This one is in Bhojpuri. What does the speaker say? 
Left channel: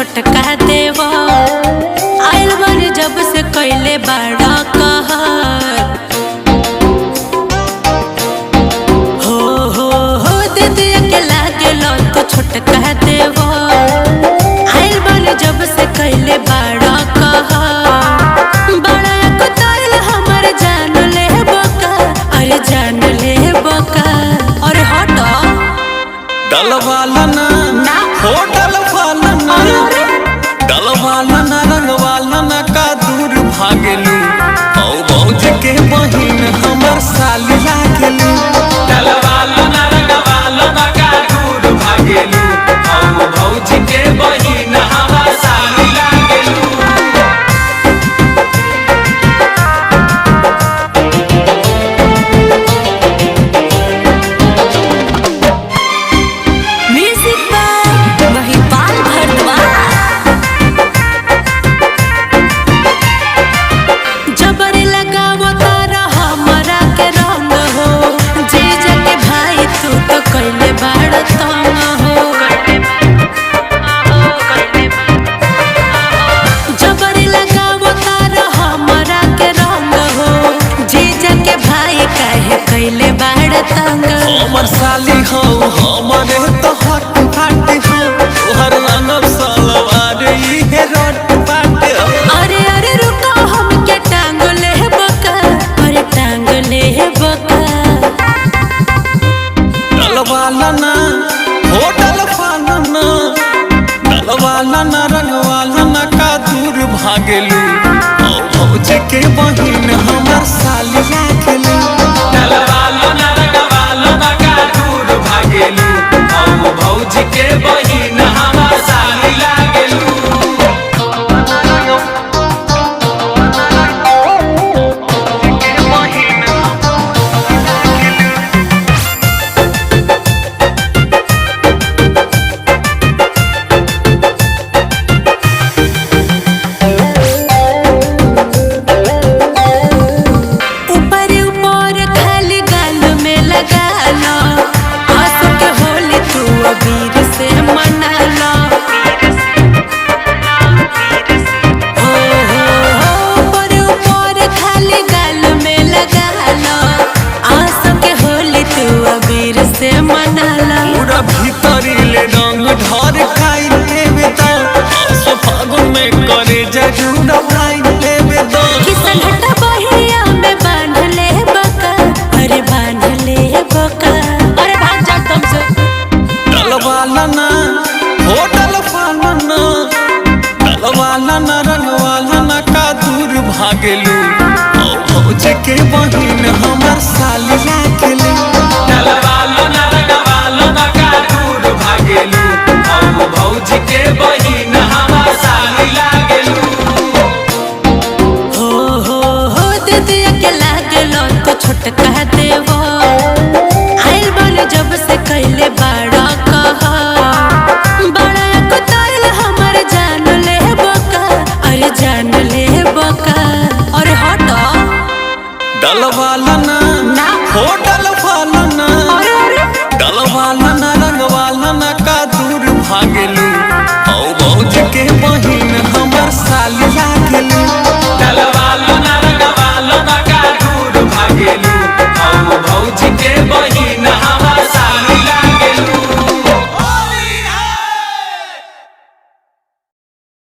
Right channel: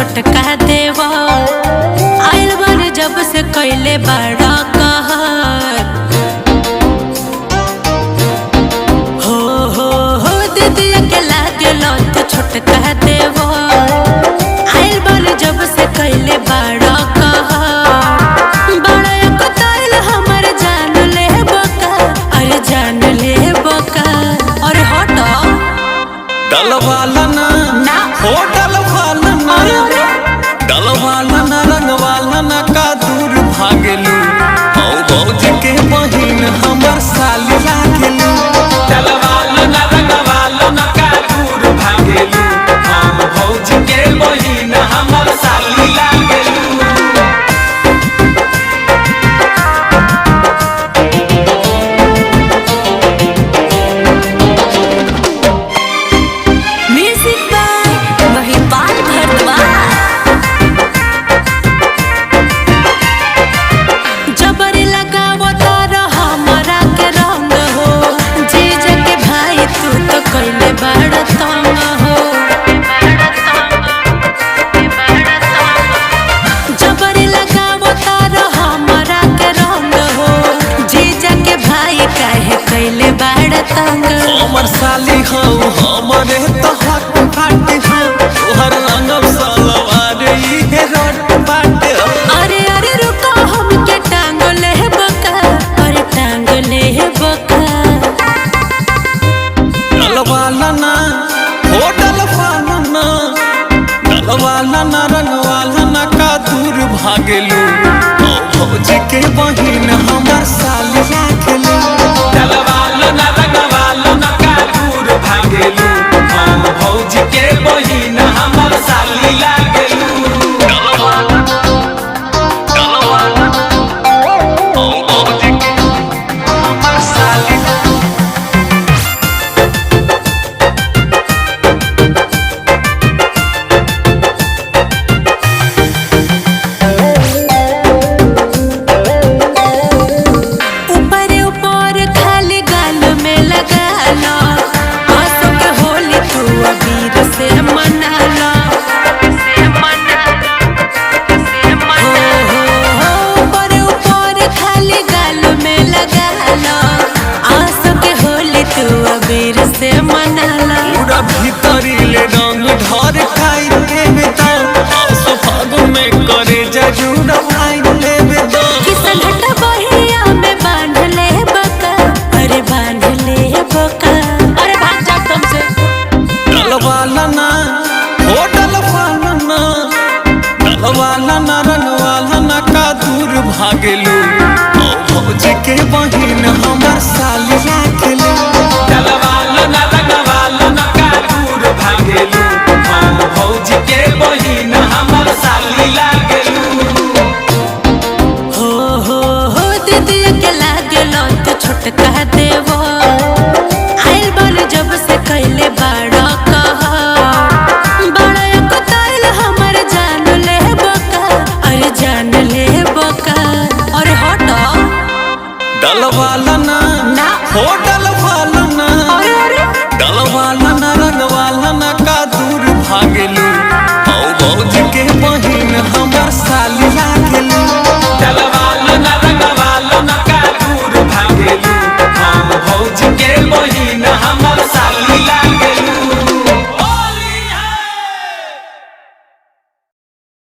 छोटका देवा आइल बन जब से कैले बड़ा कहर हो दीदी के लागे तो छोटका देवा आइल बन जब से कैले बड़ा कहर बड़ा कुताइल हमर जान ले बका अरे जान ले बका अरे हटो डलवाला ना हो डलवाला ना डलवाला ना रंगवाला ना का दूर भागेलू औ भौज के बहिन हमर साली लागेलू डलवाला ना रंगवाला ना का दूर भागेलू औ भौज के बहिन हमर साली लागेलू। म्यूजिक बाय महिपाल भारद्वाज जबरे लगावो तारा हमरा के रंग हो जीजा के भाई तू तो कैले बड़ा तंग हो जबरे लगावो तारा हमरा के रंग हो जीजा के भाई काहे कैले बड़ा तंग हमर साली हो हमरे तो हक बाटे हो तोहर रंगब सलवार इहे रट बाटे हो। अरे अरे रुको हम के टांग ले बका अरे टांग ले बका डलवाला ना हो डलवाला ना डलवाला ना रंगवाला ना का दूर भागेलू औ भौज के बहिन हमर साली लागेलू डलवाला ना रंगवाला ना का दूर भागेलू औ भौज के बहिन हमर साली लागेलू डलवाला ना डलवाला ना औ भौज के बहिन हमर साली लागेलू। ऊपर ऊपर खाली गाल में लगा लो आंसू के होली तू अबीर से मना लो हो ऊपर ऊपर खाली गाल में लगा लो आंसू के होली तू अबीर से मना लो पूरा भीतरी ले रंग ढर खाई लेबे तो आसो फागुन में करे जरूर भाई लेबे तो किसन हटा बहिया में बांध ले बका अरे बांध ले बका अरे भाग जा तुम से डलवाला ना हो डलवाला ना डलवाला ना रंगवाला ना का दूर भागेलू औ भौज के बहिन हमर साली लागेलू डलवाला ना रंगवाला ना का दूर भागेलू औ भौज के बहिन हमर साली लागेलू। हो दीदी के लागेलो तो छोटका देवो आइल बन जब से कैले बड़ा कहा बड़ा कुताइल हमर जान ले बका अरे जान ले बका अरे हटो डलवाला ना हो डलवाला ना अरे डलवाला ना रंगवाला ना का दूर भागेलू औ भौज के बहिन हमर साली